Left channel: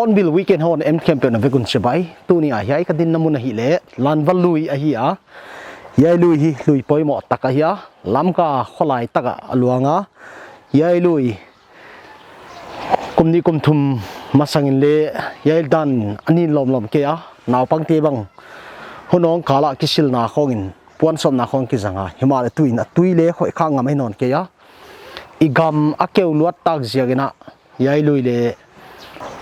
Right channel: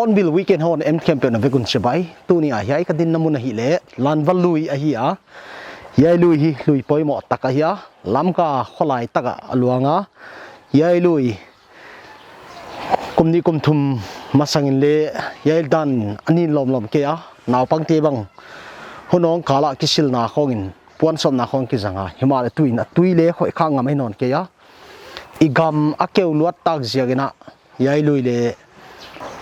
Hornbill weekend hon em campaign na vekun chabai tu ni a hiai ka din namun hi le Lanva lui a hi a yai lui hi lui poimo taka hi lam ka kholai taka aluanga yai lui kumni kumthum masangin le yai dan anin lom ke a naw pangte bang honong kala kisil na khongin puan som na khong ki zanga himal tuin tui le khoi khang ngam non ke ya igam akeu luat tak ziagena yai lui le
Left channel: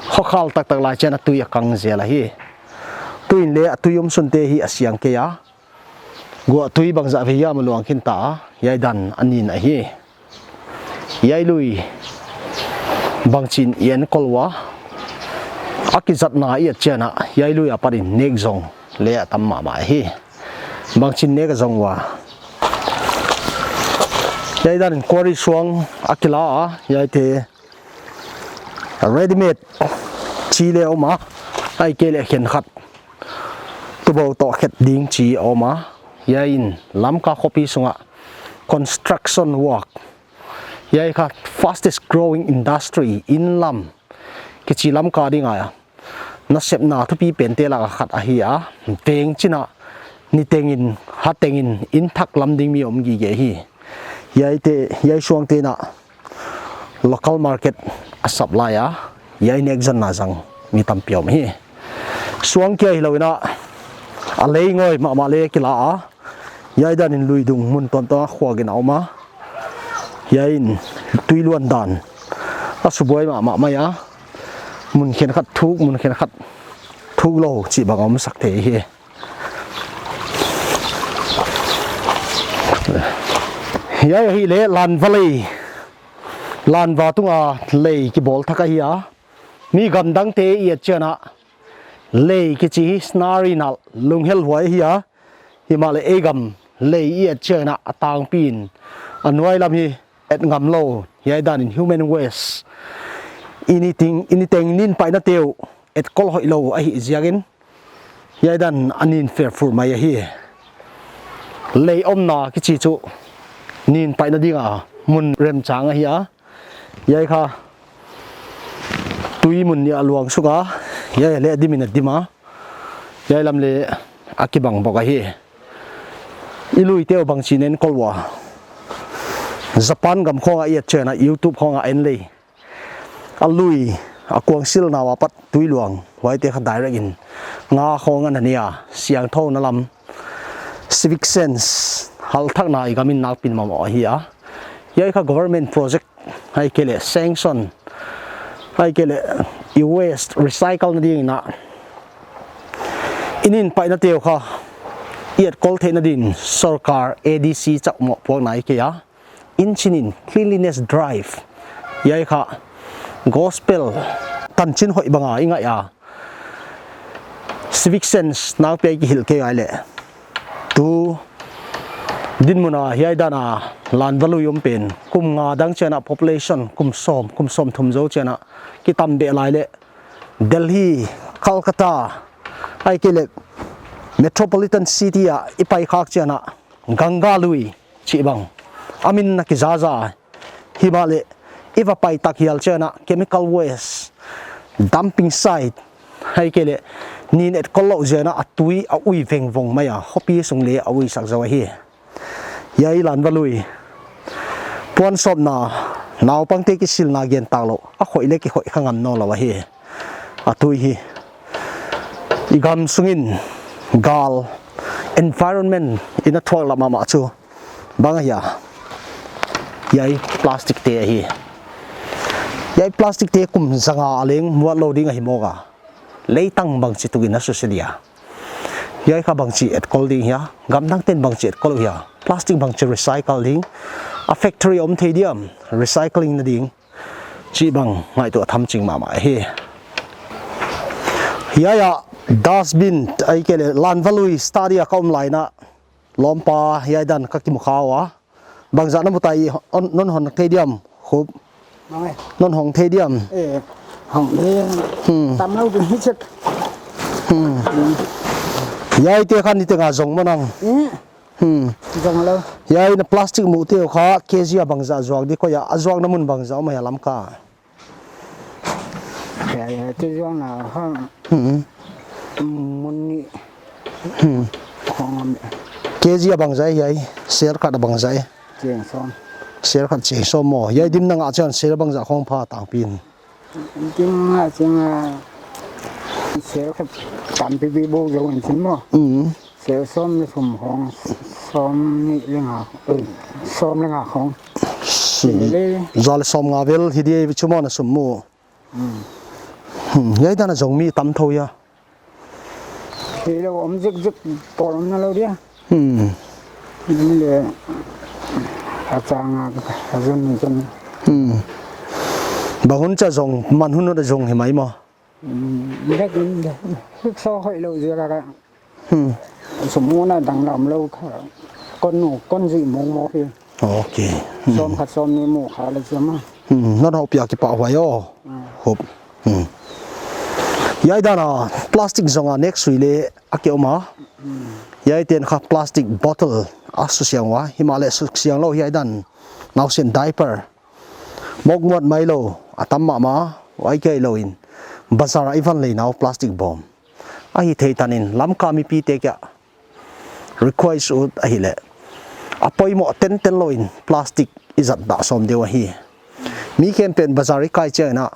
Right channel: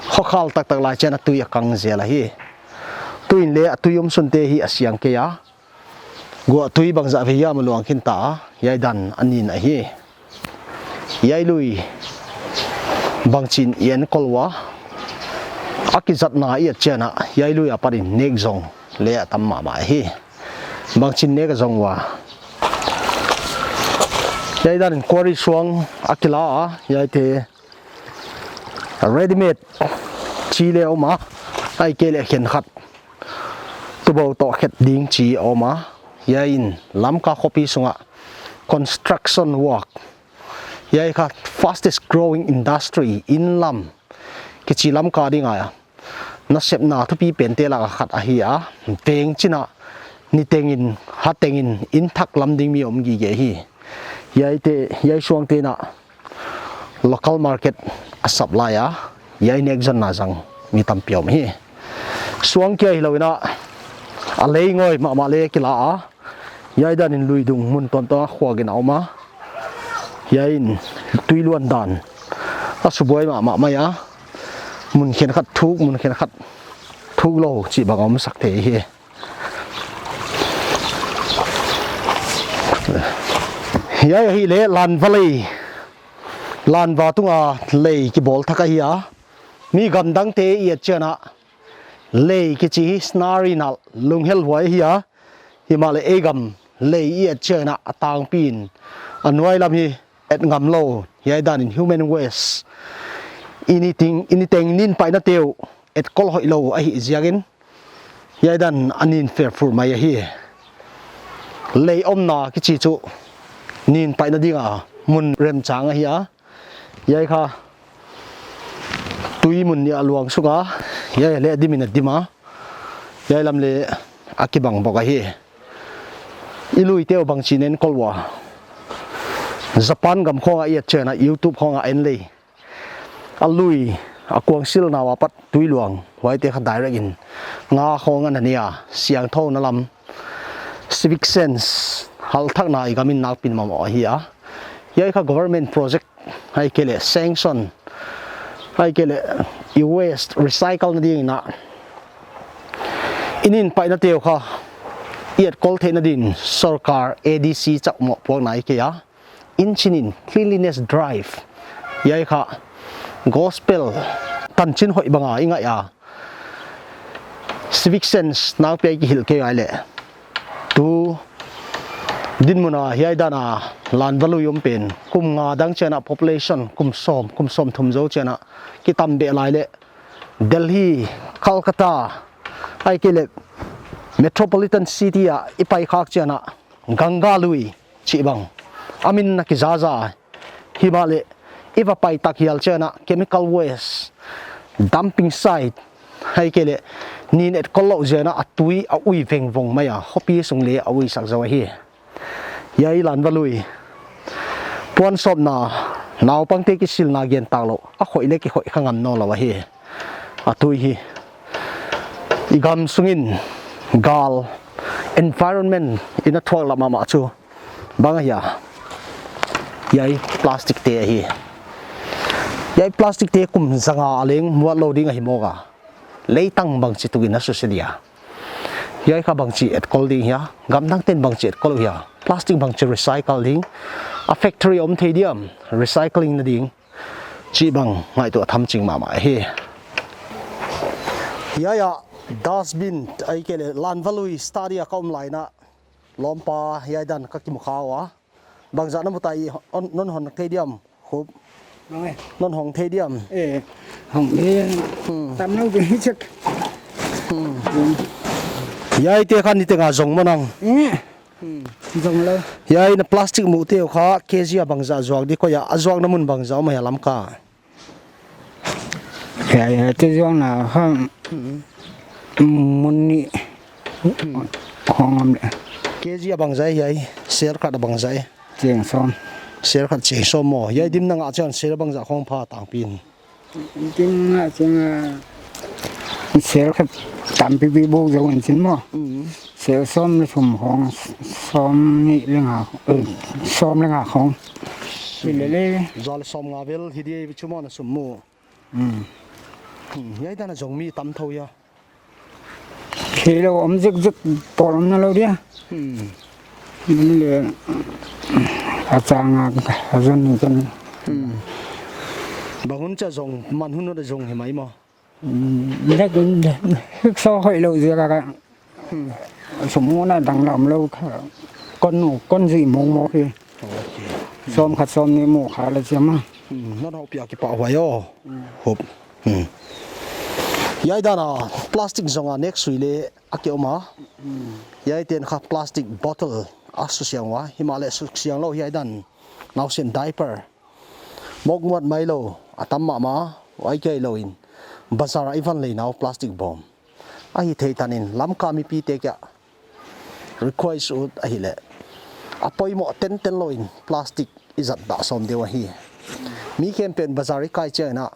khokhal tak tak la chena tui akang zela hi tuin le tuyum sunte hi asyang ke ya go tui bangza ve ya maluang khin ta yai dan anin a hi yai lui bangchin yen kolwa akizat na i chena yai lui aparin nek zong le tamma ma hi bangchin nek zong wa yai dan quarry suang akila yai te ready made chi le oma ai ke le khen khat tu bo to khet ding chi oma yain lam ka copy sunga construction work yai ka fastest growing industry in lam ke chi lam ka ding aya na sep na thu pi pen te la khat a hi a teng china ni tengin ha tengin in thak lam ding mi om gi ge hi yai suang te na local market a supply a yai nek jon na jang mi tam piom hi suang ke hi loina a lei ngoi ma le kila a yai dan in lui dung mun ton to khwa gen auma yain tuiluan dan a suboi ma ya mun khen khat thuk lo chi bangam sak the hi yai hi le Lanva tunga lei ki bol thaka hi a mi gandang te i chena lei ki chi snari na lunghel huai hi a himale egam lei i chena atang pin anwai lam hi et ngam lo yai dan in human waste anything nin pai na teu et kol hoi lo a hi ziagin yai dan anin fair fur mai hi lei omna ki chi chu nin pai na dinga mun rem chang a hi a yai kha tui mun ni aluang suka yai le dimina dima yai lam le akibang boka hi ilui teo bang chinen kolwa Japan gam khonga i chena YouTube khonga en le alui akwang sil na wapat tui luang wai te kha direct in nga khonga na nia siang tho na lam civic sense hal thak na igamin nak pin ma mo hi a yai kha government project hai kele sanction hai kele waste recycle na ding na inin pai na teo kha iat kol the na din sarkar ADC chak mo pok nai ke ya in chinin cleanliness drive yai kha gospel tan chin hoi banga inga ya civic sense na pe ki hil ke ai le tu din muna hiai dana Lanva lu yom pen kum nga dang chena population kum som thum zo chena ki tam be lai le Delhi Kolkata ai ke le metropolitan city a ipai khak chena ganga lui chi bang amin na ki zaza himale iwa pai tak hial chena chemical waste dumping site hai ke le nin et kollo jena atui a ui veng vong maya hopi sung le a ui sak zo hi yai Lanva lui puan som na naw pangte ki sil na gen talo a khoi le ki khoi khangam no lawa hi atui hi igam sungin gal environment ina thwak lama ma chu banga ya yai plastic te hi ยายพลาสติกเตะกุมสังอาเล้งมัวโลดิ้งหิมอกะเลยตั้งบางจิตุกินนัสเสียยายข้าบางจิเอ็ดกอลดิ้งเฮียกำลังเต้นบางจิเอ็ดกอลเฮียพลาสติกบางจิรีไซเคิลดิ้งอะแฟคทอรี่อมเทเดียมรีไซเคิลนั่นดิ้งจีบังไงตัวทำจริงมาเฮ้ยายดัสบินไอ้เกลลันวาลุยสตาร์ดี้ก็อมไลน์นะล้อมปายายดันก็กิมข้าวะบางจากนั้นมุตัยนนหอนเทเดียมขุบนนหงเทเดียมหงเลี้ยงตามเราเป็นให้ชักยายเตี้ยขันนี่เตี้ยงาจงมันงจงเลยยายในพลาสติกมูเตี้ยข้าเคจีบางจากจวกดีก็อย่าจวกน้ำมันบางจากไม่ยาล้ำก้าแค่จะจวกนะห้องมันนี่ห้องเนี่ยเคจีบางจากยายเสียร์ขัดบางจากเจียงซ้อมเสียร์ขัดเจียงซ้อมหม้อยายดิมนั่งอาจารย์เสียร์บางจากห้องผ้าต่างปีนจริงเสียร์ขัดตามปีบูจะวันสิ้นมั้งเสียร์ซ้อมในสมห้องซ้อมนี่เรื่องซ้อมเรื่องของจอลซ้อมงาเวลที่ดีวิชุมอนะสมมูยายด้านจงมีตั้มทอยที่เราอมจึกปอมนั่นเราเนี่ยนี่เลยอาจารย์อาจารย์จนบางคนจะจงมันหุ่นจะจงเห็นไหมมั้งไม่ได้กินซอให้เราเสียกันสมมุตินะดังลำเราก้อนสีโมพี่โอเคซ้อมขัดซ้อมนี่โมขาเลยใช่ไหมนั่นเราเปียกกี่ปะไว้ย่อหบยายด้านพลาสติกจงเน็กสุยเล่อเกี่ยวมายายเตียนค่ะพลาสติกบอทเทิลสุเสียงวะหิมาเลสุเสียงเรายายด้านนาวเส้นไดเปอร์มกงวดไม่โลตั้มมาไว้เกยโลอินบาซาร์อีฟันเลยนาวพลาสติกบอมไอ้เทตันินล้ำกามีปีเตกะ require สุดไอ้เล่อพอยหมดเต็นโลอินพลาสติกอิจัดด่าสมเดียวฮีมีเคมเป็นบาซาร์อีกายเจนะ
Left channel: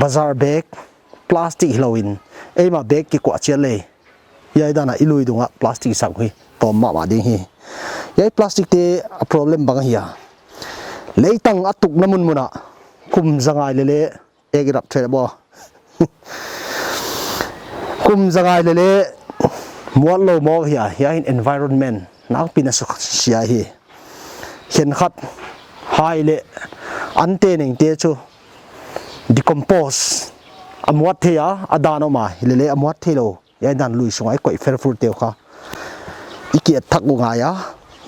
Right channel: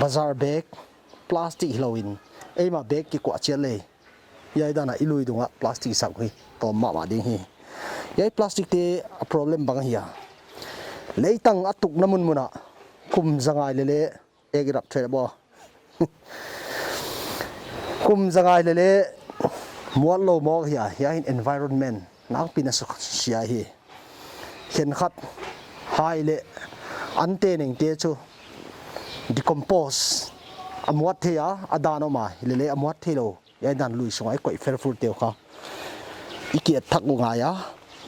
บาซาร์เบกพลาสติกโลอินไอ้มาเบกกี่กว่าเจเลยยายด้านอิลุยดงะพลาสติกสังฮีตัวมาดิ้งฮียายพลาสติกเตะ problem บางฮีเลยตั้งอัตุกน้ำมันมุนะคุมสังไงเล่เอกรับเทระบ่คุมสังไงเล่มัวโลมอกฮียาย environment นักปีนักเสียฮีเห็นขัดไฮเล่อันเตนิงเตจู decompose อมวัดเทียอดานออกมาเล่อมวัดเทโลยายดันลุยสงไอ้ก๋วยเฟรฟูเตียวค่ะอีเกียทักงายะ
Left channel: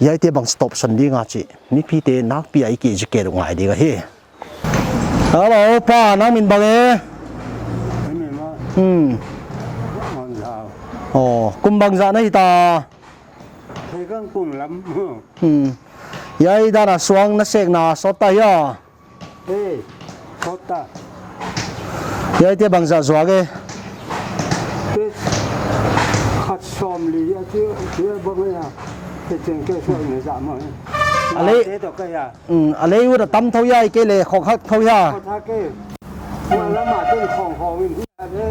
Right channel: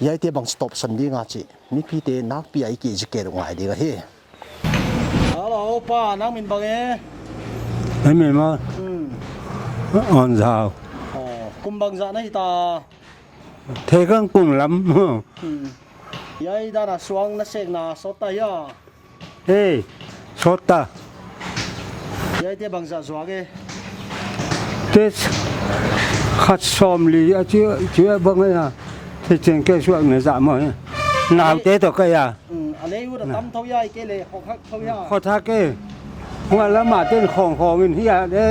ยายเตบังสต็อปสันดีงาจินี่พี่เตนักพี่ไอ้เกียจะเกลงายดีกว่าเฮ้ฮัลโหลป้าน้ำมินบังไม่มีมั้งอ่อนสาวอ๋อกุมบังจานี่ตาเทกังกุมล้ำยายด้านสวงนักเสกนาสดตายอ่ะเฮ้สดตายายเตบังจาสวงเกเจ็ดขัดซ้อมลีอ่ะเชื่อบังเลยนะที่เจงแกช่วยในสามวันน้ำเตะตัวก็ยาอะไรอยู่แต่ตั้มเท่าใหญ่เกเลยของเขาเท่าใหญ่เขาทักเกวันละมาเต้นของเงินที่อะได้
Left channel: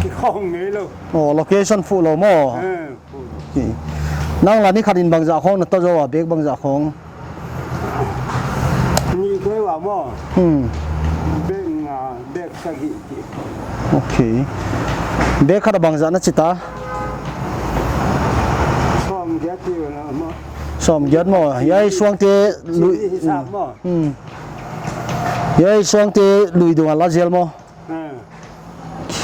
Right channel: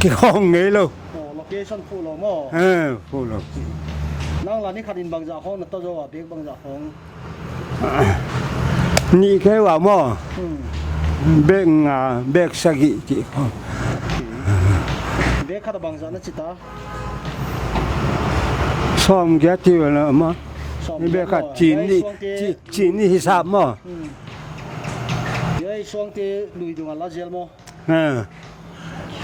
กี่ของเงี้ยเลยโอ้โลเคชั่นฟูลโลมั้งฟูลโลนั่งร้านนี้ขัดอินบางจากของนั่นตัวว่าเบกบางจากของนี่แค่ว่ามั้งเบกเบกสกิจิโอเคเบกขัดบางจากนั่นจิตาซ้อมแก่ที่ว่าละมั้งซ้อมเยอะมั้งยายช่วงเตะจีนี่ฮิซาบมั้งยายช่วงเตะลุยดวงลาเจลมั้ง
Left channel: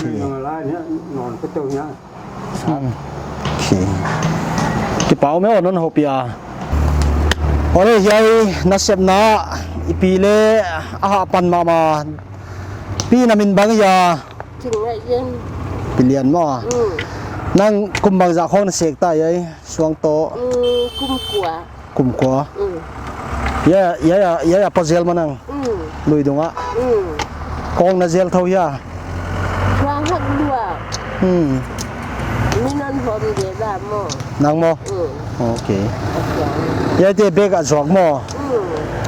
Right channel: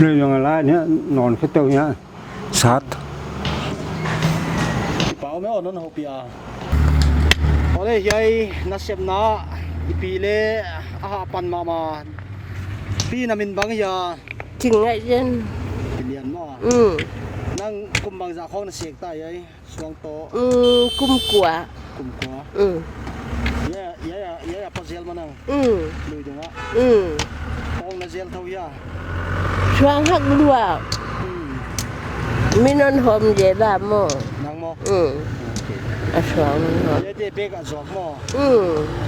ลุยดวงอะไรเนี่ยนอนแค่ตัวเนี้ยสัตว์กระเป๋าไม่อ่อนนั่นหัวปีอาโอ้ยยายนักเสพน้าปีเล่อาหารปันมาพี่นามินบางยาถึงไงเจนปีเลียนมั้งนั่งกุมบางจากห้องเสกตายยัยช่วงโตกุมกัวยาปะเจลมานั่งลุยดงอ่ะกองน่ะเจลเท่ายาช่วงหักลัวมีนนหอมเจดาโมนั่งโมโอเคยาเตเบกอ่ะจอกโม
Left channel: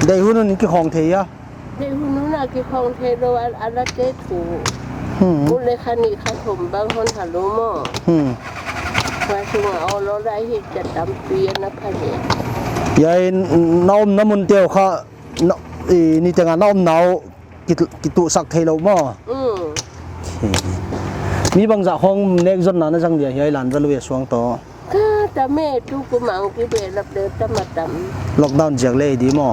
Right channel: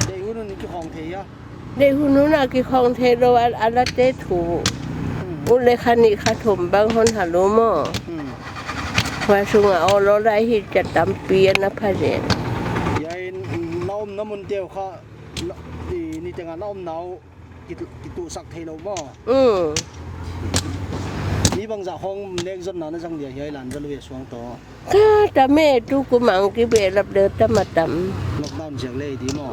ได้หุ่นนี่กี่ของเทียได้หุ่นน่ะกี่ของเทโรอัลเตถูอุเลขานิขาถมบางคนฮัลโหลโมว่าช่วงเอาเราได้ที่จะตำเปียนะพันเนี่ยยายน้ำมันเตียวค่ะนี่แต่งานน้ำหนาว กิตุสักเทโลมอมีบางจากห้องเน็กจนนั้นจังเดียยายหลานจะลุยสวงต่อแต่แม่ทุกมังที่เบรับเดินตมาดำล็อกดาวน์จากเลยดีมอ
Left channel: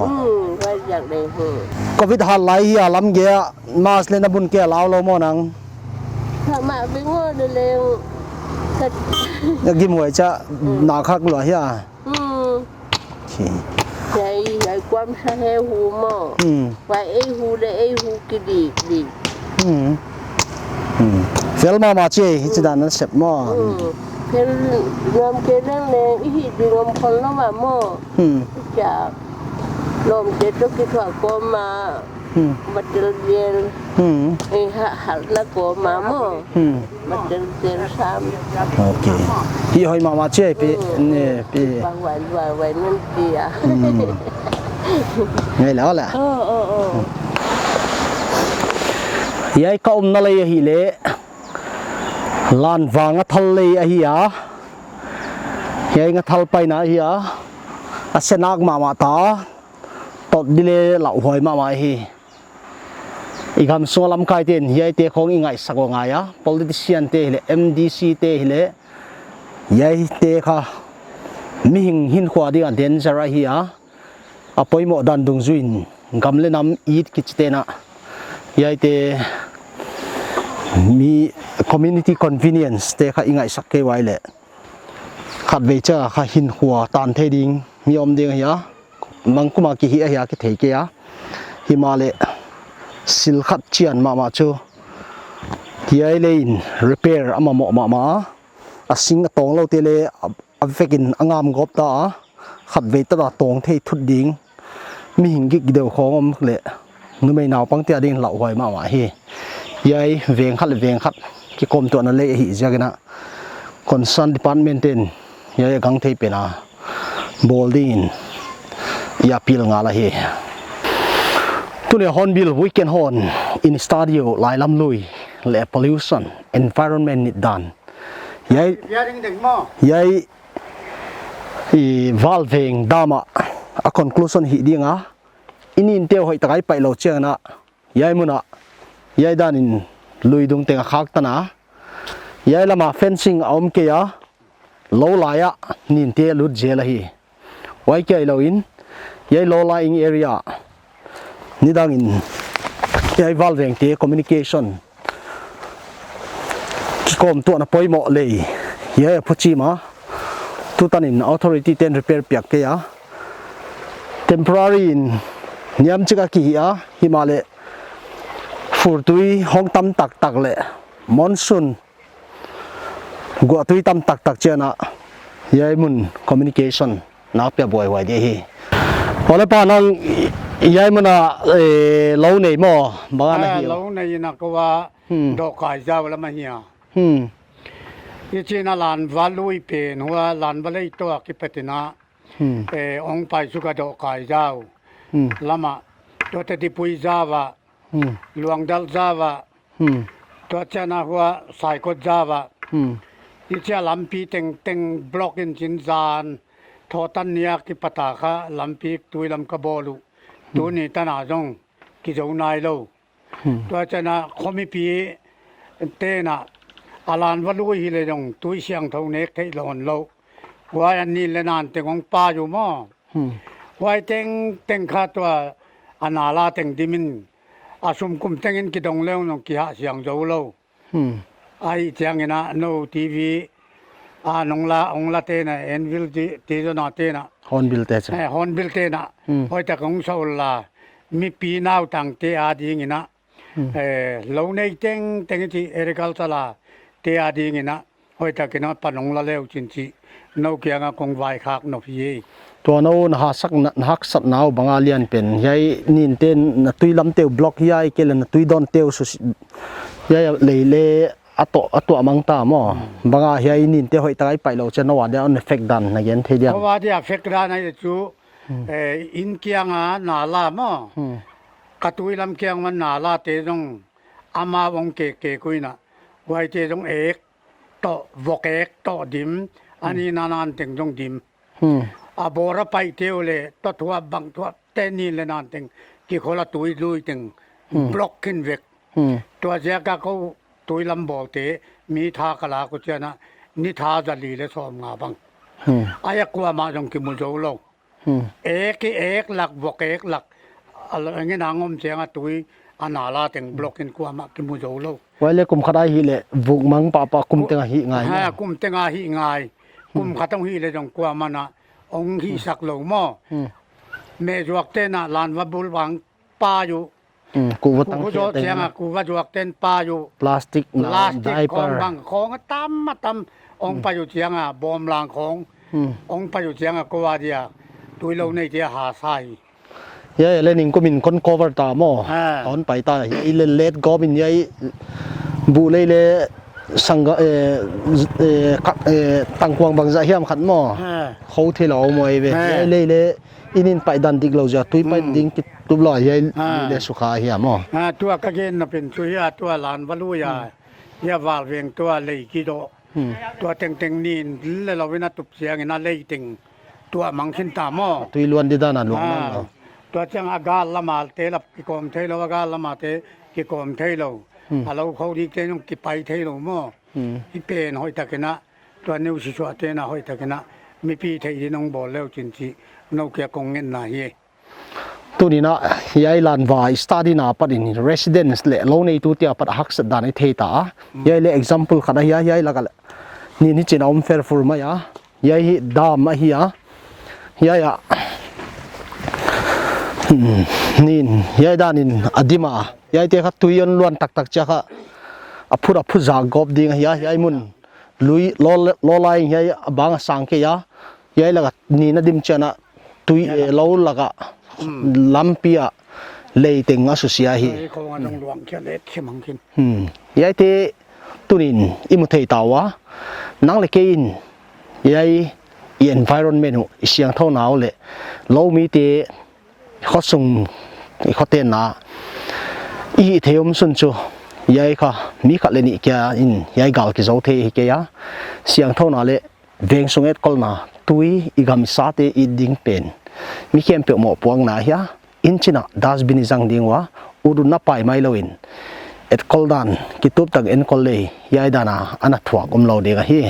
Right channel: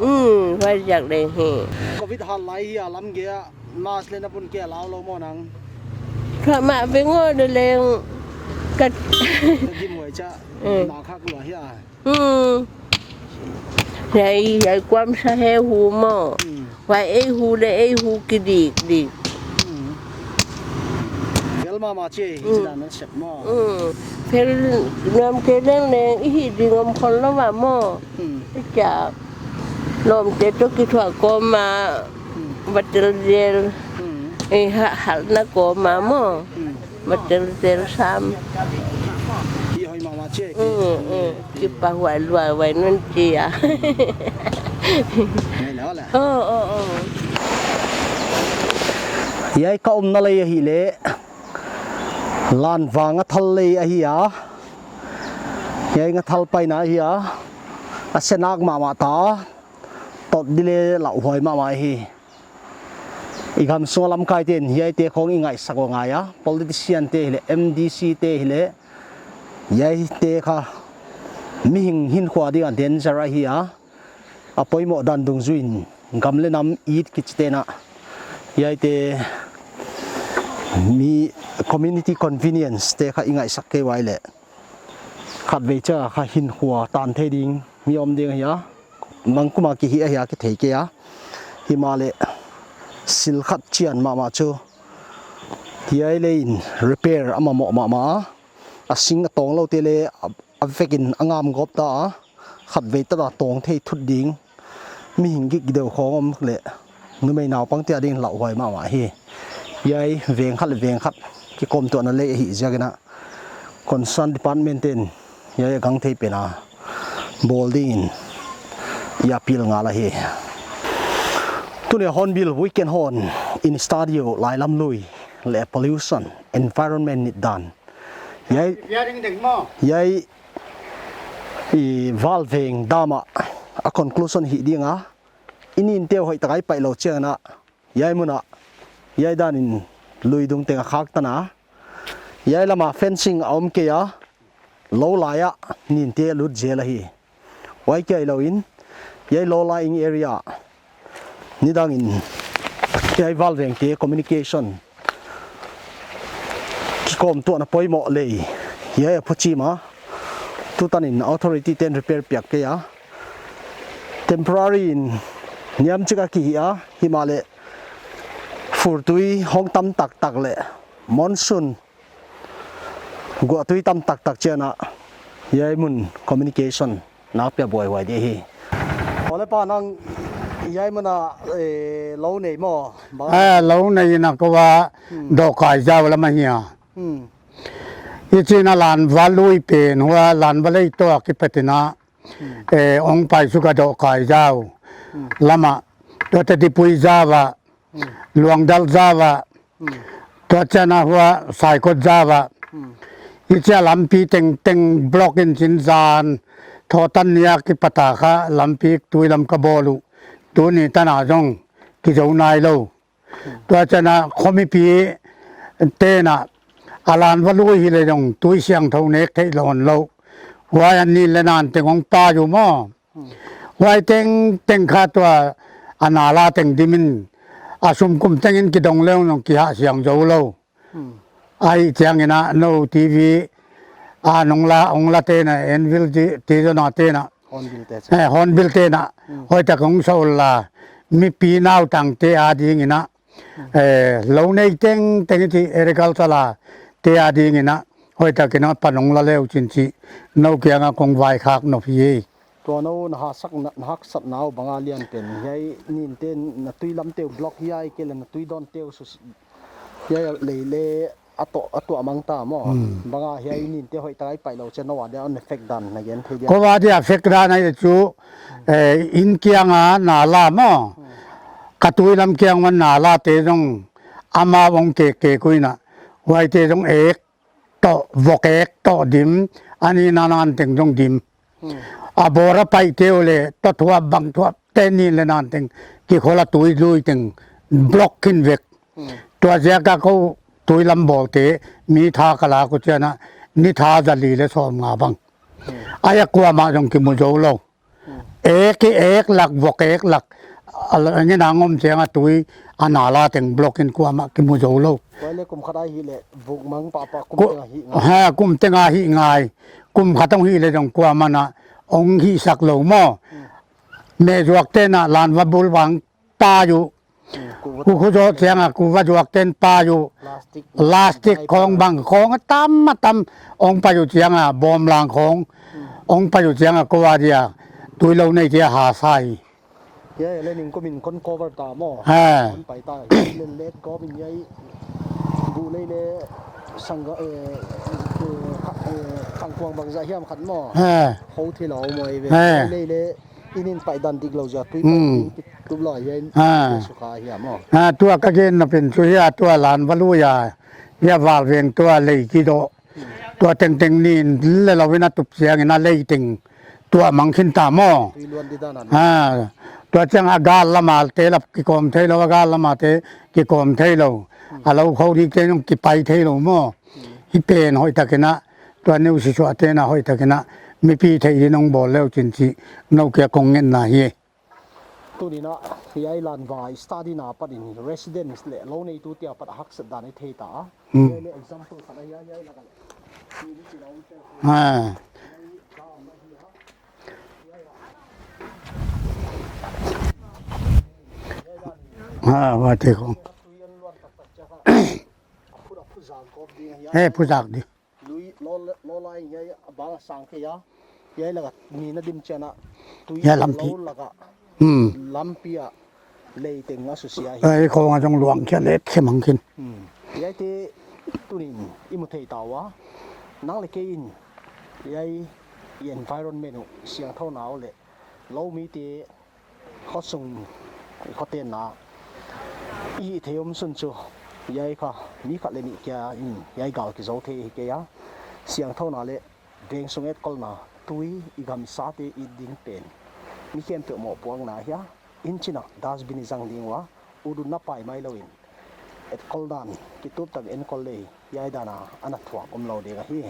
ไว้จากเลยเฮก็วิธีหันไหลเฮียลำเกียมาสเลนบุญเกียลาวโลมอนังถ้ามาเป็นง้อเดเลงก็อยากกินหวยจะหนาคักหรอเฮียใหญ่ความสะเฮหูมอไว้หูเลยหูกิดีเฟลมาเจจะด้านนั้นเสร็จมอเพื่อนน้ำเกลือแรงอีดีงมคนละว่าโม่จากลมเจ็ดตัวกิถวโกมาบัดเดลหันนักโกมาโม่บัดเดลซ้ำโอเคพี่หอยมาเจพี่เนี่ยพี่ปากไว้นั่นเจียเนี่ยแล้วแหละยายก็นั่นเลยฮิเล่ลานวางทะเลอะฮิยายายงทะเลไปนะฮิยาอาเซนักมาตาตดดิเลเหล่าหอยมาฮิอีกคำส่วนลำไก่เต็นยายเตะของอีไงสักว่าไงอะ politician เตะฮิเล่ MDC เตะฮิเล่ยายเตะค่ะมีหินขวาดีกันเต็นจะไรฮิยาอภัยหมดดันดงจุนกำเล่นน้ำอีดกิจเตนะยายเตะมี community convenience เตะข้าอิงไงสักเกไว้เลยขัดเวจ้าข้าหินหัวตานเทดิงมีอมเดียงเหียมังกุมากิเหียกิเทเกียหิมาเลสิลขัดเชียนมาจูที่ไอเลน repair อามาหมอมาอาสิงตองเราเตเลอัฟเฟกินอ่างามกบตาขัดเวตาตองเททุดดิงมีหิงกิกเดียวของอมเลยนึกไม่หนาวปังเตียดิงเหล่าหอยมาเฮยายเวียงขัดที่กรมตัวนั้นเลยหิจกันนะคอนซันดิพาร์ตเมนต์ยายกังเทเป็นนะบอลดิ้งยาพิลงาละเฮตัวนี้ฮอนบิลวิกเกนฮอนอินสตูดิโอลายลำลุยและ pollution environment นิดดันยายvalving ดามาa conclusion หิดีงะอินินเตียวหอยตะไคร้ไปโลเชียนะยายมุนะยายด้านินลุยดงเตงขักตนะยายละมา fencing อมเกียโลลายะนินเตียลุดเจลฮีไว้เกี่ยโลอินยายโลลายอิง area นี่ดังอินยาย valving เตีย communication ที่กรมตัวน่ะปอยหมอเลยยายพูดจีมาทุตันอิน authority เต็น repair เปียกเกีย temporary อินนิยมจิกากีอะฮิมาเลฟูตุยห้องตำตักเลยมอนซุนกัวตุยตำตักเจนะยายมุน communication นับเปียบ่อยไว้ดีฮีพอแล้วป้าน้องยายมันเล่าในหม้อบ้าเล่าในนักว่าดอกไก่เจ้าละมาเหี่ยยี่จีน่าลานวาลุยเป็นหัวลานวาลุยตัวกิปตินะองไปสุกดอกไก่เจ้าละมาตัวที่ปุยเจ้าหลวงดัลจาวะตัวเจ้าหน้าหัวสายกดจาวะยี่เจ้าลำปีเต็งบล็อกอินสินจานทอตันยากิปตาคะลำปีตุยลำกบอลูตัวนี้ตนาจงกิจวนายโลตัวเจ้าหน้าคอมิปีเตนะอาลานวัลุยฮิเลจงตุยเสียงเท่าเนกเทลอนโลวายันนี่เลนานเต็งของป้าอยู่มั่ววายเต็งขาตัวอนาลาเต็งดิมินอาสมกุมเต็งอินกิดงเลี้ยงน้องกิหะเสียงโจโลไอเจียงอินะโนทีวีนองลาเตนะเอ็นวิลจีจนาเตนะฮอนบิลเตนะฮอนบิลเตนะหอยตะกงโซลามีปีนาวตังเตอาดีงินะเหล่าในเต็งที่เอริกัลซาลาเตอาดีงินะหอยตะกินะปนงลาเลวจินจีนกเกียงกงไวคักนกพีตัวนู้นหักสักนาวบางอาเลียนเป็นยายนินเต้นตุยลำเตียวบล็อกยายเกลันตุยดอนเตียวสุดยายเลยอัตมังตามบางอาเฮียนินเตียวหอยตายไปเราจะนวดเดี๋ยวอันเฟกดันนะยันเทียนเพราะว่าที่เฟกดันนะจู่อินเกียงนาลามอกระตุยลำเกียงมันนาลาเตจงอามาวงเกกุยนะไว้เตจงโตวกโตดิมอันนี้นานๆถึงจงดิมบอระไปเที่ยวเลยตัวบังตัวเต้นนี่เลยนานถึงกี่คนละตุยลุยถึง บล็อกขึ้นเวกตัวเสียก็เขาตุยลำบอกเตมีทากะลากุเจนะนิทาจะลีและซ้อมงาบังอายกลัวมาจงกิมุโจโลเอกหลักบอกเอกหลักอะไรเงี้ยนางอมเสียงตุยอนาลาเต็งบล็อกกินกลัวมากิมุโจโลไว้เลยกุมขดายฮิเลยบุกมังปะกุมเตงหิง่ายกุมเตงหิง่ายกุมขัดต้องหิเลยจงกลัวมันนะองหิสักโลหม้อเมจวกเตนะลานวับุลวังปาอยู่กูโจเทียงกูว่าจวกเต้นปลาอยู่พลาสติกของบางของตั้มมาตั้มองไปอยู่เทียงบอมลางขององไปอยู่เทียงก็ว่าเดียตุยเราในเทียหาไซยัยเล่นก็มินคนโคเวอร์ตาหม้อตอนไปตายัยเลดก็มินยัยบุเลยสังกตังกวางบางใจเฮียมขันหม้อเขาเทเรามวยไปเลยอินินไปดันดิกเราจะตุยไปดิ้งตุบลอยยัยเลสุขาเฮียหม้อตัวกระเกนเป็นตัวเฮียตัวหลานวัลุยาเฮียวาลเวียงตัวเลยกิโดตัวเต็งนี่เราเวนัตุบเสียงนั่นเลยติงตัวมังคินตาหม้อตุยล้วนดิดานันตัวเจ้าอากาศละมาเตลับกิโกมเทลอากาศละมาเตกิโกมเทโลเราเขาที่เจ้ากิไปเทโลหม้อฮิเป็นหอยตะกินะตัวนิ้วชิชวเตนะหอยตะกินะไม่พี่เทยน้องบอกแล้วจริงๆน้องเกี่ยกงเงินนะเฮตัวนี้นะยายลันวายสตาร์ดี้นาปัดอินเรสซิเดนส์เล่โลในตัวที่ปัดฮักสัดดานในเทตายายเล่ example ขณะยายละกันนี่จีนอมเฟอร์ฟูร์มายายดามมาเฮียยายนี่ยายด้านินอดีมายายเด็กตุยนล้วนตักๆจ้าค่ะพูดจากอบดิ้งยายมุดลุยล้อไล่ยายบางสังเกยยายละกันนี่นะดิมเชนะตุยล้อละกันลำปีอะเลยติงอาสุเสียหิไอ้ของจงหลวงแค่เล็กแค่มังคินยายเตตุนินอิมุเทตาวะนังเล็กอินยายenvironment เสียงเท่าหนาวเลยเรามีเตเขาส่งเขาเต้นนะอีเทียมสุนจูยายค่ะมีขัดเลนิแกอินยายกาลกิจเอาเทหิแกยะเสียงเท่าหนาวเลยเวงส่งเอ็ดกอลนาตุยอีกามิสาเตอีดิ้งเป็นมีเข้มเปียกหมอพวงนาเฮียอินชินะดัสบินิจังดิ้งวะอุรุณนับไปไม่เลวินเอ็ดกอลดันกิตุบตักเอ็นกอลเลยยายดานาอันนัทวะกุมเราเด็กเฮีย